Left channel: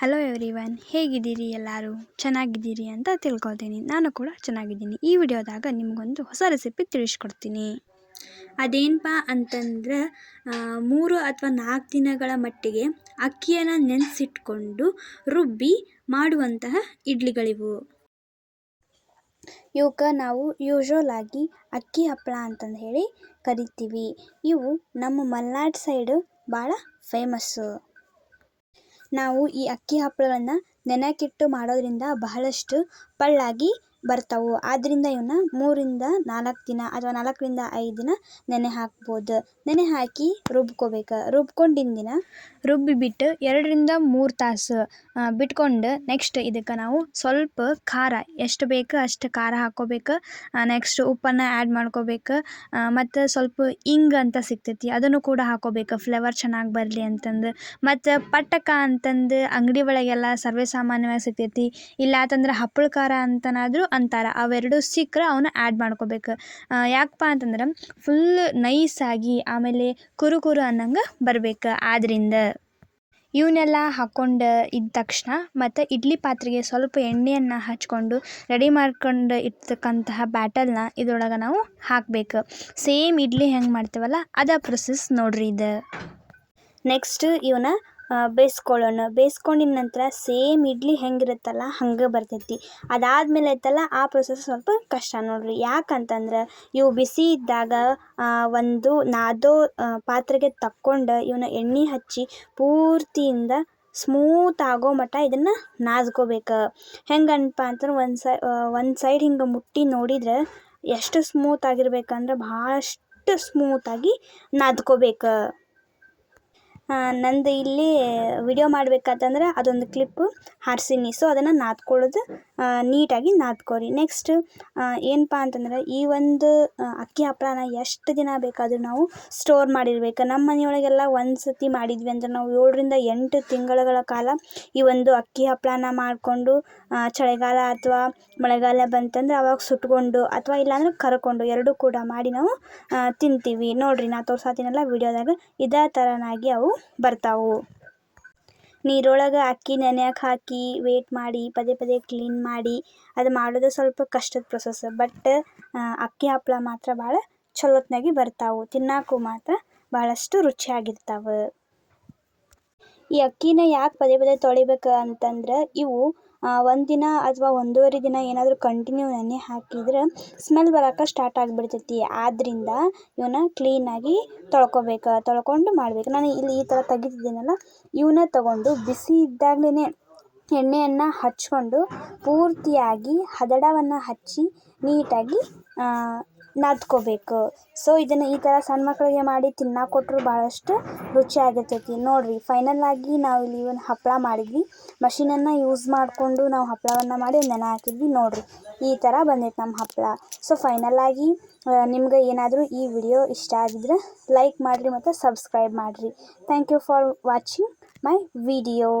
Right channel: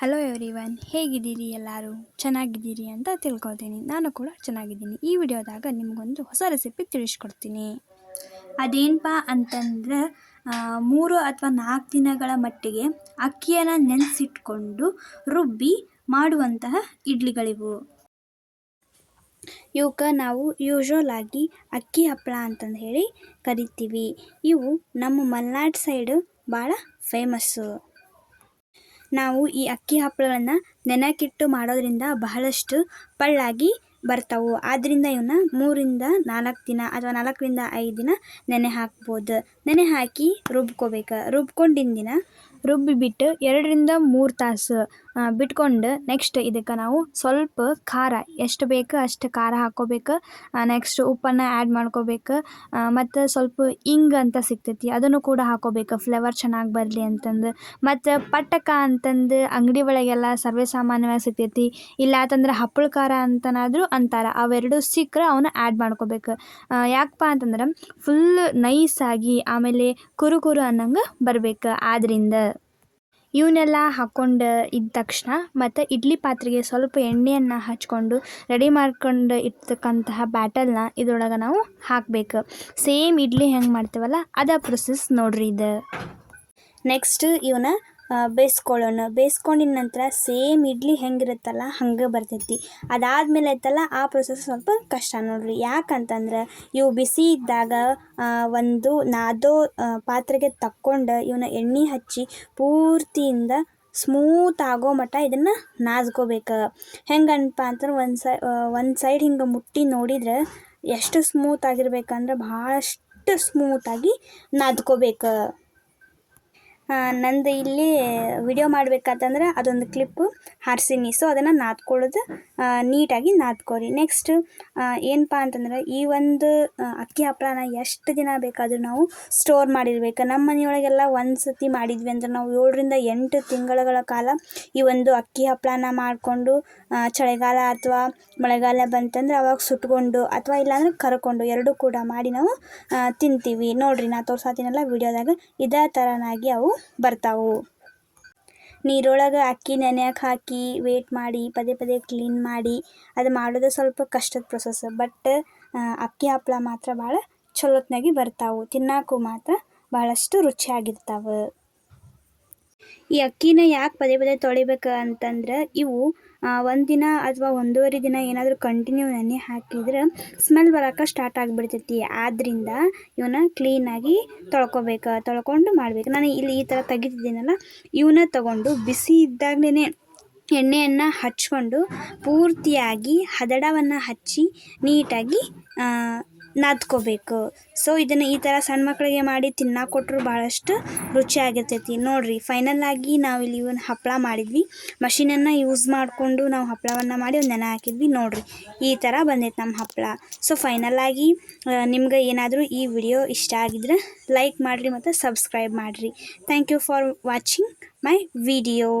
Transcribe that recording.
Hello everyone ಹೇಗಿದ್ದೀರಿ ಎಲ್ಲರೂ? ಚೆನ್ನಾಗಿದ್ದೀರಿ ಅಂತ ತಿಳ್ಕೊಳ್ತೀನಿ. ನಾನು ಕೂಡ ಚೆನ್ನಾಗಿದ್ದೀನಿ. ಈ ವಿಡಿಯೋದಾಗ ನಿಮಗೊಂದು ಹೊಸ ರೆಸಿಪಿ ತಿಳಿಸ್ಕೊಡ್ತೀನಿ. ಅದೇನಪ್ಪ ಅಂತಂದ್ರೆ ಮೂರು ಅಥವಾ ನಾಲ್ಕು ದಿನಗಳ ಮಟ್ಟಿಗೆ ಅಕ್ಕಿಯನ್ನು ನೆನೆಸಿಟ್ಕೊಂಡು ರುಬ್ಬಿ ಮಾಡುವಂತಹ ಇಡ್ಲಿಗಳಿವು. ಇವಕ್ಕೆ ನಾವು ಯೂಶ್ವಲ್ ಆಗಿ ಅಕ್ಕಿ ಹಪ್ಪಳ ಅಂತಂದು ಹೇಳಿ ಕರಿತೀವಿ. ಇವು ನಮ್ಮ ಮಲೆನಾಡು ಸೈಡು ಭಾಳ ಫೇಮಸ್ಸು ನಾವು ಈ ಅಕ್ಕಿ ಹಪ್ಪಳಗಳನ್ನು ನೆನಕಿಟ್ಟು ಮಾಡೋದ್ರಿಂದ ಬಹಳಷ್ಟು ಪಳ್ಳಾಗಿ ಬರ್ತಾವು. ಆದ್ದರಿಂದ ಇವನ್ನ ಮೂರಿಂದ ನಾಲ್ಕು ದಿನ ಅಥವಾ ನಾಲ್ಕರಿಂದ ಐದು ದಿನ ನೆನೆ ಹಾಕ್ಬೋದು. ನೆನೆ ಹಾಕಿ ರುಬ್ಕೋಬೇಕು. ರುಬ್ಕೊಂಡಿನ ದಿನ ರುಬ್ಬಿಬಿಟ್ಟು ಎರಡರಿಂದ ಮೂರು ತಾಸು ಬಿಟ್ಕೊಂಡು ನೆಕ್ಸ್ಟ್ ಇದಕ್ಕೆ ನಾವು ಸ್ವಲ್ಪ ಖಾರ, ಎಷ್ಟು ಬೇಕು ಅಷ್ಟು ಖಾರ ಹಾಕ್ಕೋಬೇಕು. ನೆಕ್ಸ್ಟ್ ಉಪ್ಪನ್ನು ಆ್ಯಡ್ ಮಾಡ್ಕೋಬೇಕು. ಮತ್ತು ಸ್ವಲ್ಪ ಇಂಗ್ ಅಂತ ಸಿಗ್ತೈತಿ, ಅದನ್ನು ಕೂಡ ಹಾಕ್ಕೋಬೇಕು. ಫ್ಲೇವರ್ ಚೆನ್ನಾಗಿ ಬರಲಿ ಅಂತಂದು. ಮತ್ತು ಪಟ್ಟಕ ಅಂತಂದು ಅಂಗಡಿ ಒಳಗೆಲ್ಲ ಸರ್ವೇ ಸಾಮಾನ್ಯವಾಗಿ ಸಿಗ್ತೈತಿ. ಇಲ್ಲ ಅಂತಂದ್ರೆ ಹಪ್ಪಳ ಖಾರ ಅಂತನಾದರೂ ಅಂತಾರೆ. ಅವೆರಡು ಸಿಕ್ಕರೆ ಅವನ್ನ ಆ್ಯಡ್ ಮಾಡ್ಕೋಬೇಕು. ಯಾಕಪ್ಪ ಅಂತಂದ್ರೆ ಫುಲ್ ನೈಸಾಗಿ ಆಮೇಲೆ ಕುರು ಕುರು ಅನ್ನಂಗೆ ಬರಬೇಕು. ಆದ್ರಿಂದ ಇವನ್ನೆಲ್ಲ ಹಾಕ್ಕೊಂಡು ಇದ್ದ ತಕ್ಷಣ ಮತ್ತು ಇಡ್ಲಿ ಪಾತ್ರೆಗೆ ಸ್ವಲ್ಪ ಎಣ್ಣೆಯನ್ನು ಹಚ್ಕೊಂಡು ರೆಡಿ ಮಾಡ್ಕೊಂಡು ಇರ್ತಕ್ಕಂತಹ ಬ್ಯಾಟಲ್ನ ಇದ್ರೊಳಗೆ ನಾವು ಹಾಕಬೇಕು. ಸೇಮ್ ಇಡ್ಲಿ ಹೆಂಗೆ ಮಾಡ್ತೀವಲ್ಲ ಅದೇ ಪ್ರೊಸೆಸ್ ನೋಡ್ರಿ ಇದು. ನೆಕ್ಸ್ಟ್ ಇವನ್ನ ಬೇಯಿಸ್ಕೊಳ್ಳೋಣ. ಬೇಯಿಸ್ಕೊಂಡಿದ ನಂತರ ಸೇಮ್ ಇಡ್ಲಿ ಹೆಂಗಿರುತ್ತಲ್ಲ, ಹಂಗೆ ಬರ್ತೈತಿ. ಅದಾದಮೇಲೆ ಐತಲ್ಲ ಆ ಪ್ರೊಸೆಸ್ ಸ್ವಲ್ಪ ಕಷ್ಟ ನೋಡ್ರಿ. ಯಾಕಂತಂದ್ರೆ, ಇವು ಬಿಸಿ ಇದ್ದಾಗ ಒಂದು ನಾದೋ ಪಾತ್ರೆಗೆ ತಕ್ಕೊಂಡು ಇವನ್ನ ಎಣ್ಣೆ ಹಚ್ಚಿ ಪೂರ್ತಿಯಿಂದ ಸ್ಮೂತ್ ಆಗೋ ಮಟ್ಟ ಇದನ್ನು ನಾದ್ಕೋಬೇಕು. ಹೆಂಗನ್ಪ ಅಂತಂದ್ರೆ, ಒಂದು ಸೈ ಒಂದು ಸೈಡ್ ಹಿಂಗೆ ಮುಟ್ಟಿ ನೋಡಿದ್ರೆ ಎಷ್ಟು ಸ್ಮೂತ್ ಆಗಿರ್ಬೇಕಂದ್ರೆ ಭಾಳಷ್ಟು ಸ್ಮೂತಾಗಿ ನಾದ್ಕೋಬೇಕು. ನಂದು ಇಲ್ಲಿ ವಿಡಿಯೋ ಮಾಡ್ಬೇಕಂತಂದ್ರೆ ಅದೊಂದು ಕ್ಲಿಪ್ಪು ಹಾರ್ಸಿನಿ ಸೊ ಅದನ್ನು ನಾದ್ಕೊಳ್ಳೋದು ನೀಟಾಗಿ ನಾದ್ಕೋರಿ. ನೆಕ್ಸ್ಟ್ ಏನಪ್ಪ ಅಂತಂದ್ರೆ ಈ ಒಂದು ಅಕ್ಕಿ ಹಪ್ಪಳನ ಎಷ್ಟು ದಿನ ಬೇಕಾದರೂ ನಾವು ಸ್ಟೋರ್ ಮಾಡಿರ್ಬೇಕು. ನಮ್ಮ ಮನೆಯೊಳಗೆಲ್ಲ ಒಂದು ಸತಿ ಮಾಡಿದ್ವಿ ಅಂದ್ರೆ ನಾವು ಏಳರಿಂದ ಎಂಟು ತಿಂಗಳುಗಳ ಕಾಲ ಈ ಒಂದು ಅಕ್ಕಿ ಹಪ್ಪಳನ ಮಾಡಿಕೊಂಡು ಚಳಿಗಾಲ ಅಥವಾ ಮಳೆಗಾಲ ಬಂತಂದ್ರೆ ಅವಾಗ ಸುಟ್ಕೊಂಡು ಅಥವಾ ಇಲ್ಲಾಂದ್ರೆ ಕರ್ಕೊಂಡು ಎರಡೂ ಕೂಡ ಮಾಡಿ ನಾವು ತಿಂತೀವಿ. ನೋಡ್ರಿ, ನಾ ತೋರ್ಸಾತೀನಲ್ಲ ವಿಡಿಯೋದಾಗ ಇದೇ ಥರನಾಗಿ ಅವು ಬರ್ತಾವು. ನೀರೊಳಗೆ ಅಕ್ಕಿ ನೆನೆಯಕ್ಕೆ ಹಾಕಿ ವೇಟ್ ಮಾಡಿ, ಪದೇ ಪದೇ ಕ್ಲೀನ್ ಮಾಡಿ, ಅದು ಮಾಡೋದು ಸ್ವಲ್ಪ ಕಷ್ಟದ ಪ್ರೊಸೆಸ್ ಬಟ್ ಅಕ್ಕಿ ಹಪ್ಪಳ ಮಾತ್ರ ಭಾಳ ಚಲೋತ್ನಾಗಿ ಬರ್ತಾವು. ತಿನ್ನಕ್ಕೂ ಮಾತ್ರ ಭಾಳಷ್ಟು ರುಚಿಯಾಗಿರ್ತಾವೆ. ಈ ಅಕ್ಕಿನ ಯಾಕೆ ಪದೇ ಪದೇ ತೊಳಿಬೇಕು ಅಂತಂದ್ರೆ ಇವು ಒಂದಿನ ಅಥವಾ ಒಂದೂವರೆ ದಿನ ಏನಾದರೂ ಕಂಟಿನ್ಯೂ ನೆನೆ ಹಾಕಿದ್ರೆ ಸ್ಮೆಲ್ ಬರೋಕೆ ಸ್ಟಾರ್ಟ್ ಆಗಿಬಿಡ್ತೈತಿ. ಆದ್ದರಿಂದ ಇವನ್ನ ಕ್ಲೀನಾಗಿ ತೊಳ್ಕೊಬೇಕು, ತೊಳ್ಕೊಂಡು ಮಾಡ್ಬೇಕು. ನಾನು ಇಲ್ಲಿ ಈ ಥರ ತೆಗಿತಿದ್ದೀನಲ್ಲ ಇವನ್ನ ತಗೊಂಡು ಬಿಸಿ ಇದ್ದಾಗಲೇ ಎಣ್ಣೆಯನ್ನು ಹಚ್ಕೊಂಡು ಪೂರ್ತಿಯಾಗಿ ಹದಡವನ್ನು ಹಚ್ಚಿ ನೀಟಾಗಿ ನಾದ್ಕೋಬೇಕು. ಸೊ ಇದನ್ನು ಈ ಥರ ಸಣ್ಣ ಮಕ್ಕಳಿಗೆ ಮಾಡಿ ತಿನ್ನಕ್ಕೆ ಕೊಟ್ಟರು ಭಾಳಷ್ಟು ರುಚಿಯಾಗಿರ್ತೈತಿ ನೋಡಿರಿ ಫೈನಲ್ ಆಗಿ ನಾವು ಇಲ್ಲಿ ಒಂದು ಹಪ್ಪಳ ಮಾಡಿದ್ವಿ. ಮಷೀನನ್ನು ಯೂಸ್ ಮಾಡಿಕೊಂಡು ನಾವು ಹಪ್ಪಳವನ್ನು ಮಾಡಿ ಒಂದು ನೆನೆ ಹಾಕಿದ್ವಿ. ನೋಡಿರಿ, ಈ ಥರ ಬಂದೈತೆ ನಮ್ಮ ಹಪ್ಪಳ ಸೊ ಫೈನಲ್ ಆಗಿ ನಿಮ್ಗೆ ಏನಾದರೂ ಈ ವಿಡಿಯೋ ಇಷ್ಟ ಆಗಿದ್ರೆ ಲೈಕ್ ಮಾಡಿರಿ ಮತ್ತು ಸಬ್ಸ್ಕ್ರೈಬ್ ಮಾಡಿರಿ. Thank you for watching my video